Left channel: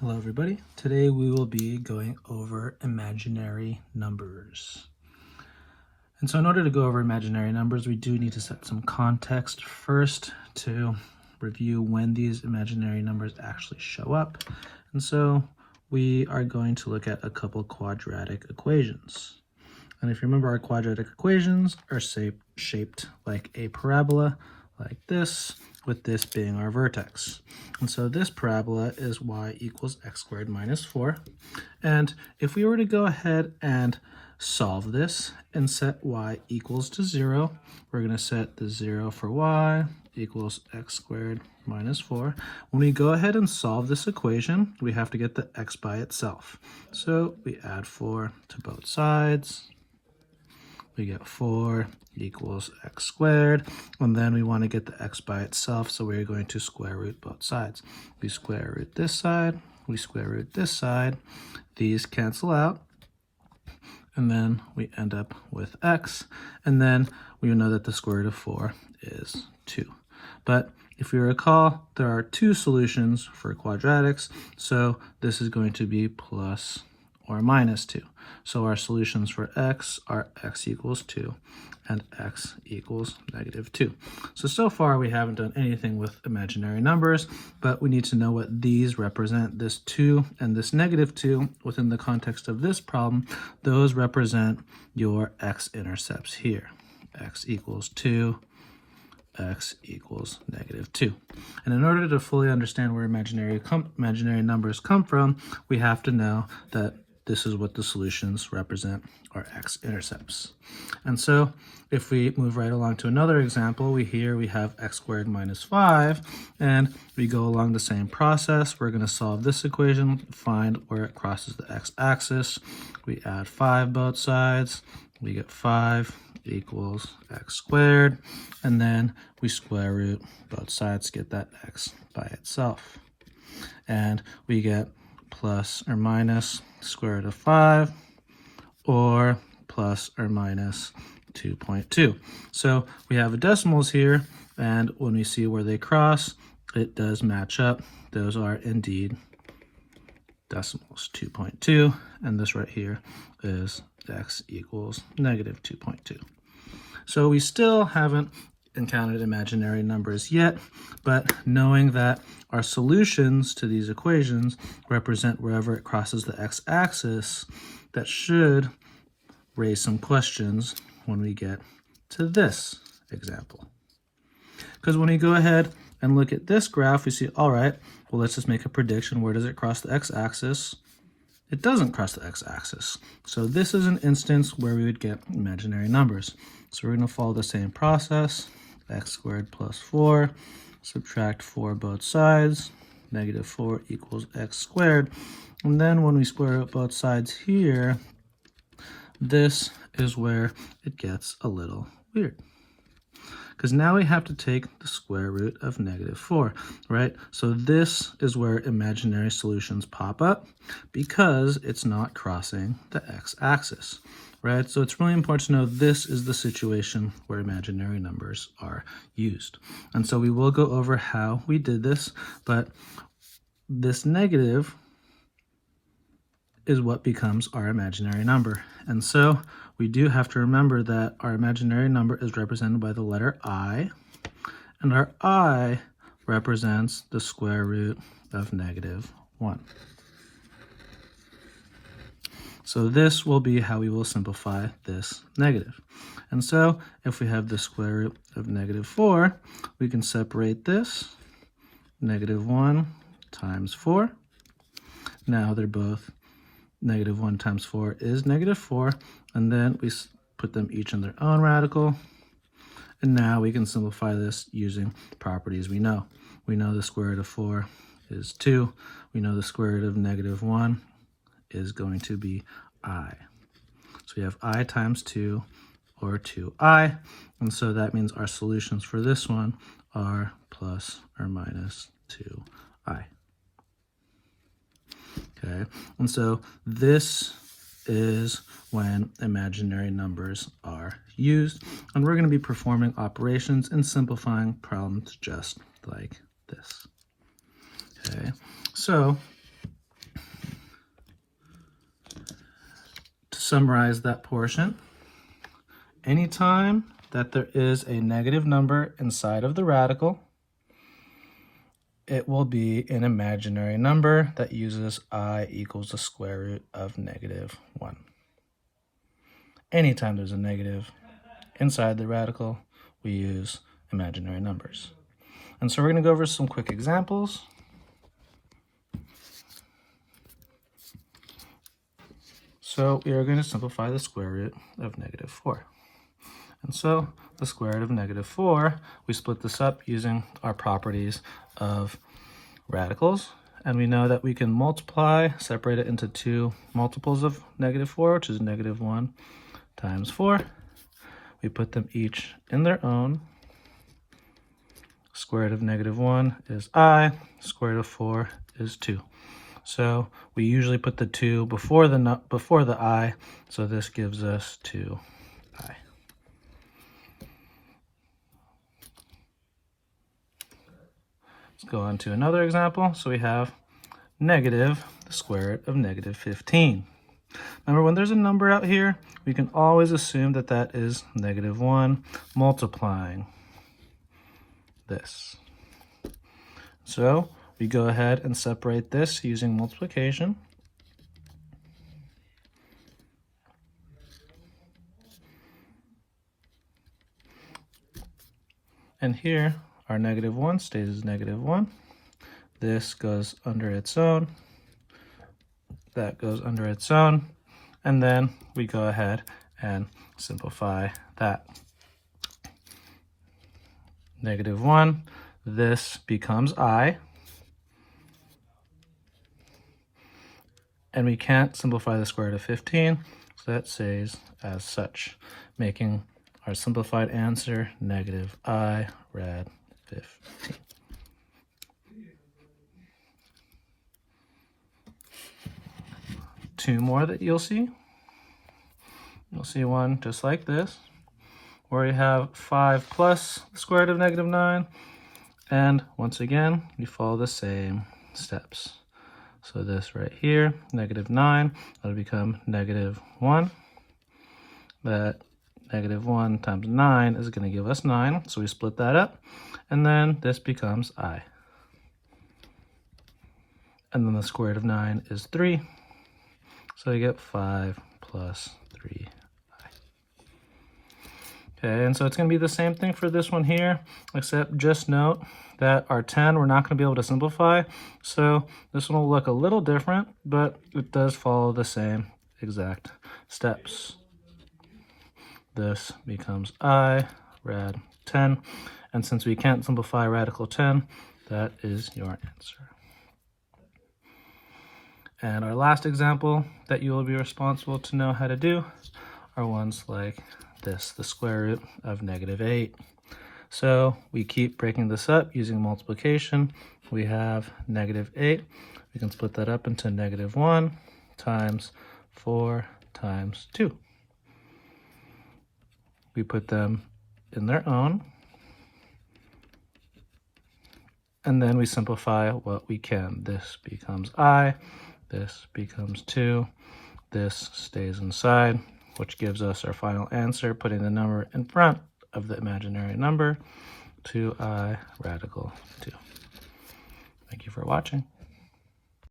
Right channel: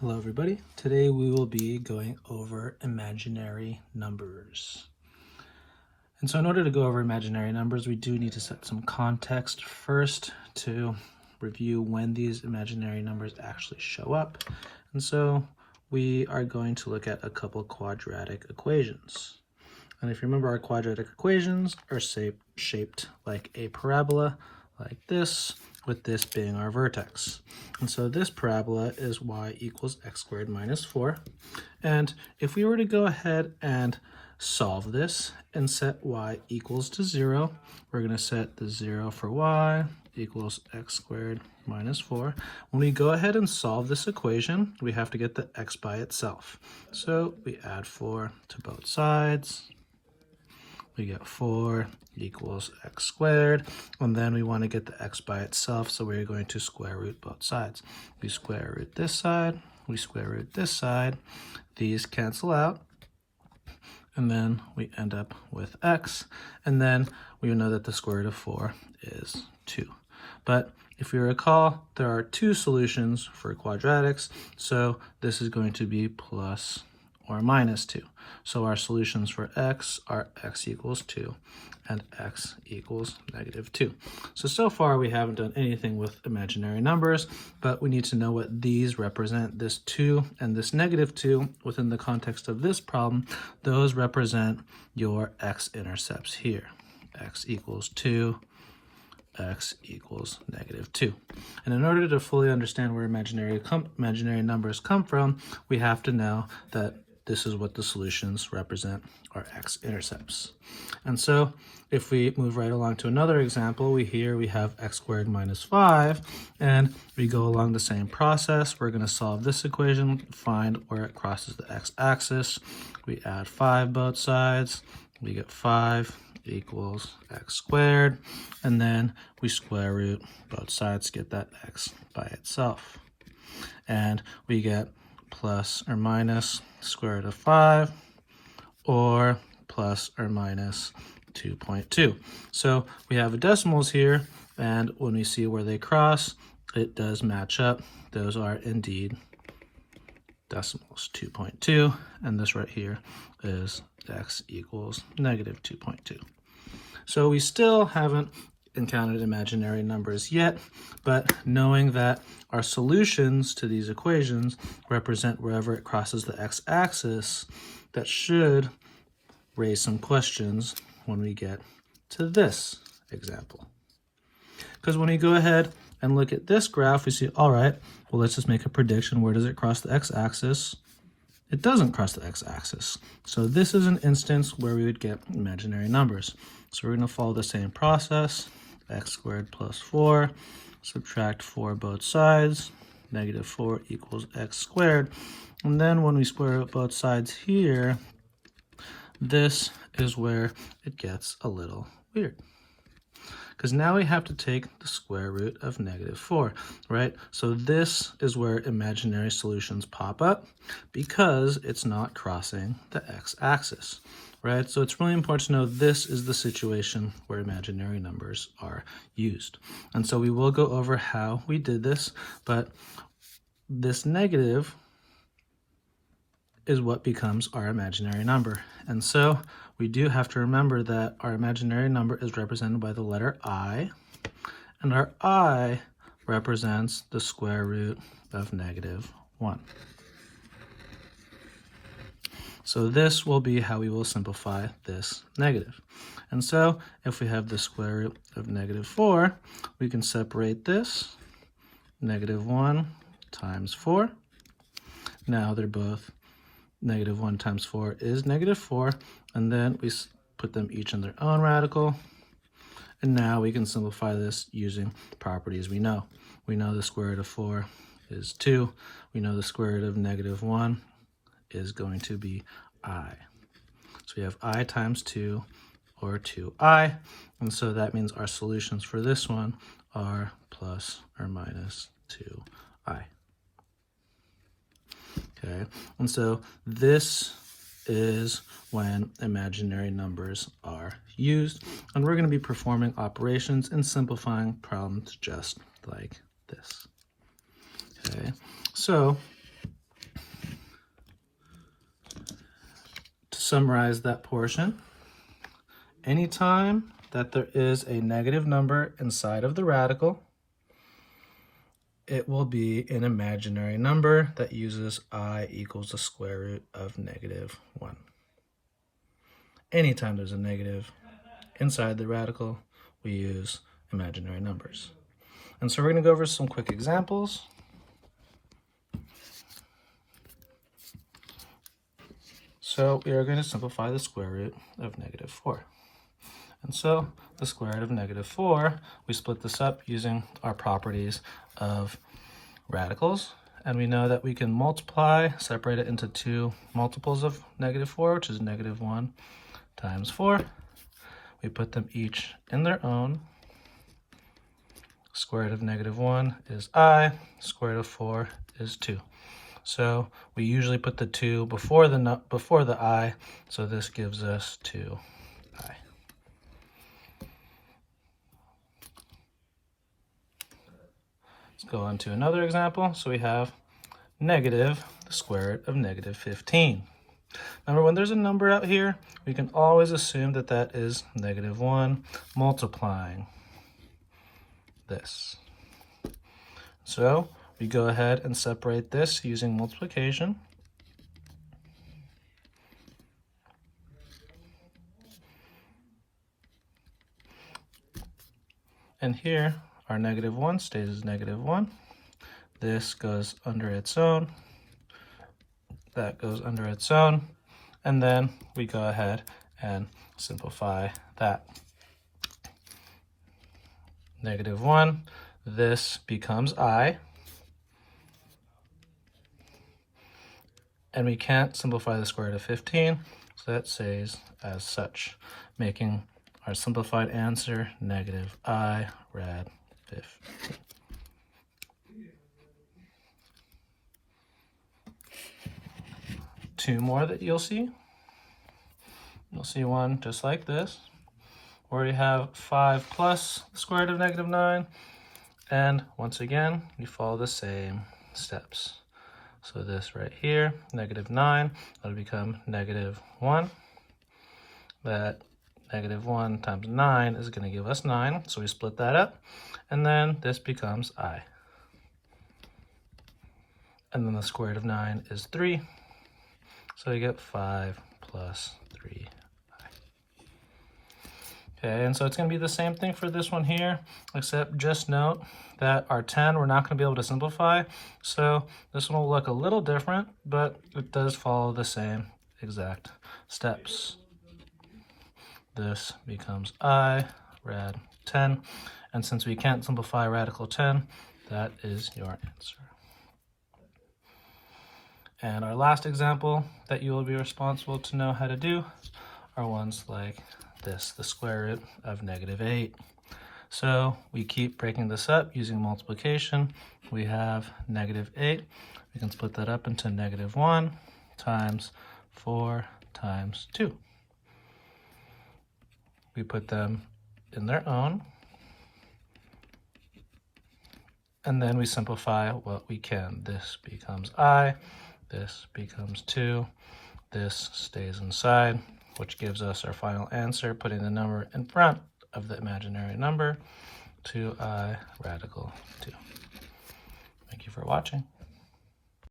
Hello everybody. Today we will be going over imaginary numbers. And so in order to go over imaginary numbers, we do need to set some context first to review when these imaginary numbers actually show up. And so we are going to look at a couple quadratic equations. And if you remember, our quadratic equations are shaped like a parabola, like this, with this being our vertex. And so this parabola is y equals x squared minus 4. And if we were to go ahead and solve this and set y equals to 0, we're going to set the 0 for y equals x squared minus 4. When we go ahead and solve this equation, we have to get the x by itself. So we add 4 to both sides. We get 4 equals x squared, and then we want to get the x by itself, so we're going to square root both sides. We square root this side, we square root this side, these cancel out, and then we end up with x, and then we know that the square root of 4 is 2. But if you recall, there are two solutions for quadratics, so this is going to be plus or minus 2. So our solutions for x are x equals 2 and x equals negative 2. So far we haven't done anything with imaginary numbers, but we need to know what these represent. This 2 and this negative 2 within the context of this problem, those represent your x-intercepts here. X equals 2, x equals negative 2. And in order to fully understand where imaginary numbers come from, we have to know that this is what the solutions represent, our x-intercepts. And so if we move right along to another example, we have x squared minus 5, and we go along the same process. We're going to solve this equation, find where it crosses the x-axis. We add 5 both sides. We get 5 equals x squared, and then we square root both sides to get that x by itself. And we get plus or minus square root of 5, or plus or minus 2.2. So we have decimals here, and when we see where they cross, it does match up. Those are indeed decimals, 2.2, and this right here is x equals negative 2.2. So we still haven't encountered imaginary numbers yet, but knowing that our solutions to these equations represent wherever it crosses the x-axis, that should raise some questions when we get to this example. Because when we go ahead and look at this graph, we see, all right, well, let's just make a prediction. Where does it cross the x-axis? It doesn't cross the x-axis. So this is an instance where we would get imaginary numbers. So we're going to follow the same process. X squared plus 4, subtract 4 both sides, negative 4 equals x squared. And then when we square out both sides here, this is where it gets a little weird. Because now we have to take the square root of negative 4, right? So this is where imaginary solutions pop up because it's not crossing the x-axis, right? So it's really important to know this is the situation where imaginary numbers are used. And so we will go over how we did this, but this negative is what becomes our imaginary number. And so we do have to remember that our imaginary number is represented by the letter I, and our I represents the square root of negative 1. So this will be how we will simplify this negative. And so if we have the square root of negative 4, we can separate this, negative 1 times 4. Now they're both negative 1 times 4 is negative 4, and then we put them each in their own radical. And now we can simplify this using properties we know. We know the square root of 4 is 2. We know the square root of negative 1 is going to be I. So we have I times 2, or 2I, and so that means our solutions for this one are plus or minus 2I. Okay, and so this is when imaginary numbers are used, and we're going to be performing operations and simplifying problems just like this. Okay, so summarize that portion. Anytime that there is a negative number inside of the radical, it will be an imaginary number that uses I equals the square root of -1. Anytime there's a negative inside the radical, we use imaginary numbers. And so we're going to go over some quick examples. So we are going to simplify the square root of -4. And so the square root of -4, we split this up using our properties of radicals. And we know that we can multiply, separate it into two multiples of -4, which is -1 times 4. We put them each in their own. Square root of -1 is I, square root of 4 is 2. So we usually put the 2 before the I, so this gives us 2I. Let's go on to another example. So we have negative the square root of -15. Remember, when there's a number out here, we can always assume that that is -1 multiplying this. So we go ahead and separate this using multiplication. And here, our -1 stays as -1. This goes under its own. That goes under its own. And then we go ahead and simplify that. -1, this becomes I. And we can't simplify the square root of 15, so that stays as such, making our simplified answer -I rad 15. Two more that you'll see. You'll see one just like this, where you have 5 plus the square root of -9, and once again, you follow the same steps. So this right here, -9, that'll become -1. That -1 times 9 is going to give us 9, so we split that up, and then this becomes I. And then the square root of 9 is 3, so you get 5 plus 3i. Okay, and so it's going to be the same thing for this one here, except just note that our 10 we're not going to be able to simplify, so this one will look a little different, but it does follow the same exact steps. This becomes I rad 10, and since we can't simplify radical 10, that is your answer. And our last example that you will be responsible to know how to do are ones like this, the square root of -8. So we keep breaking this up using multiplication. We have -8. We can split that up into -1 times 4 times 2. We put them in their own. And then we simplify what we can. This becomes I. This becomes 2. This stays inside, which gives us our final answer, putting the number in front of the imaginary number, 2i radical 2. Thank you for watching.